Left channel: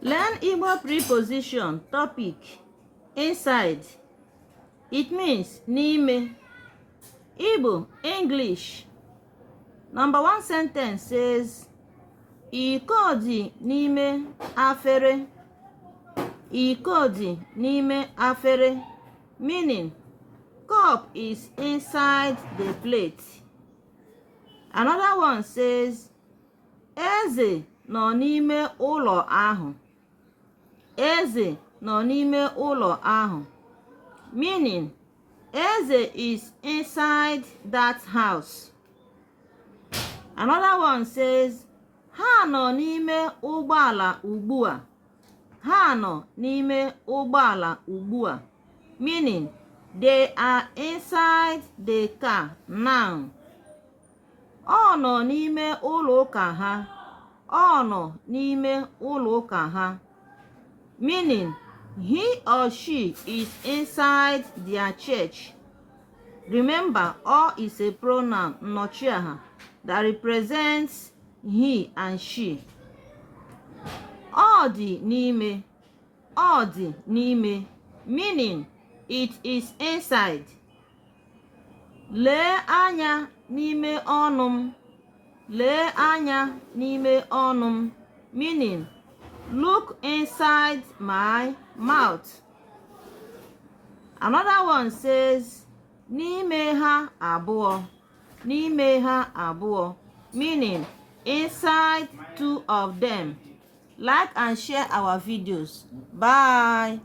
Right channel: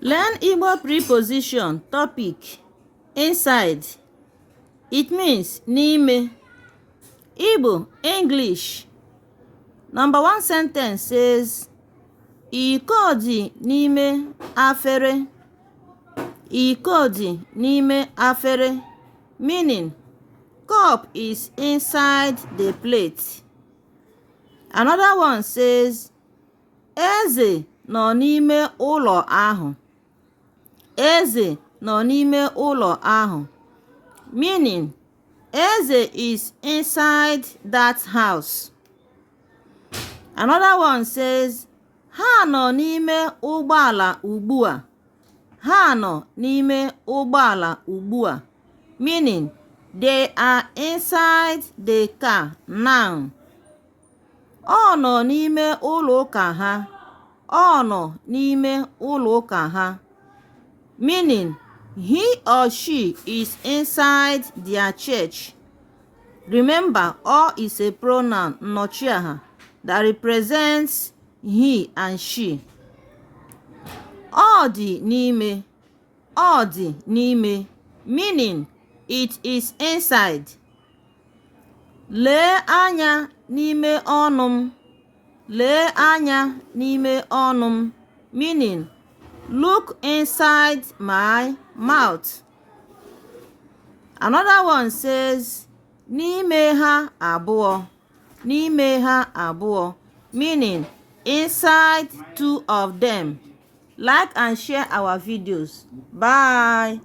Learn Igbo preposition topic inside. It means n'ime. Igbo English. Number 1 sentence says iko dị n'ime afere. Iko dị n'ime afere, meaning cup is inside the plate. Another one says eze nọ n'ime ụlọ ahụ. Eze nọ n'ime ụlọ ahụ, meaning eze is inside that house. Another one says ha nọ n'ime ụgbọala ugbu a. Ha nọ n'ime ụgbọala ugbu a, meaning they are inside the car now. Ọ nọ n'ime ụlọ ụka ha. Ọ nọ n'ime ụlọ ụka ha, meaning he or she is inside their church. Remember, all is a pronoun nnọchiaha that represents he and she. Ọ dị n'ime. Ọ dị n'ime, meaning it is inside. Lee anya n'ime ọnụ m. Lee anya n'ime ọnụ m, meaning look inside my mouth. Another one says n'ime ha abụọ. N'ime ha abụọ, meaning inside two of them. Like and share our videos. Bye.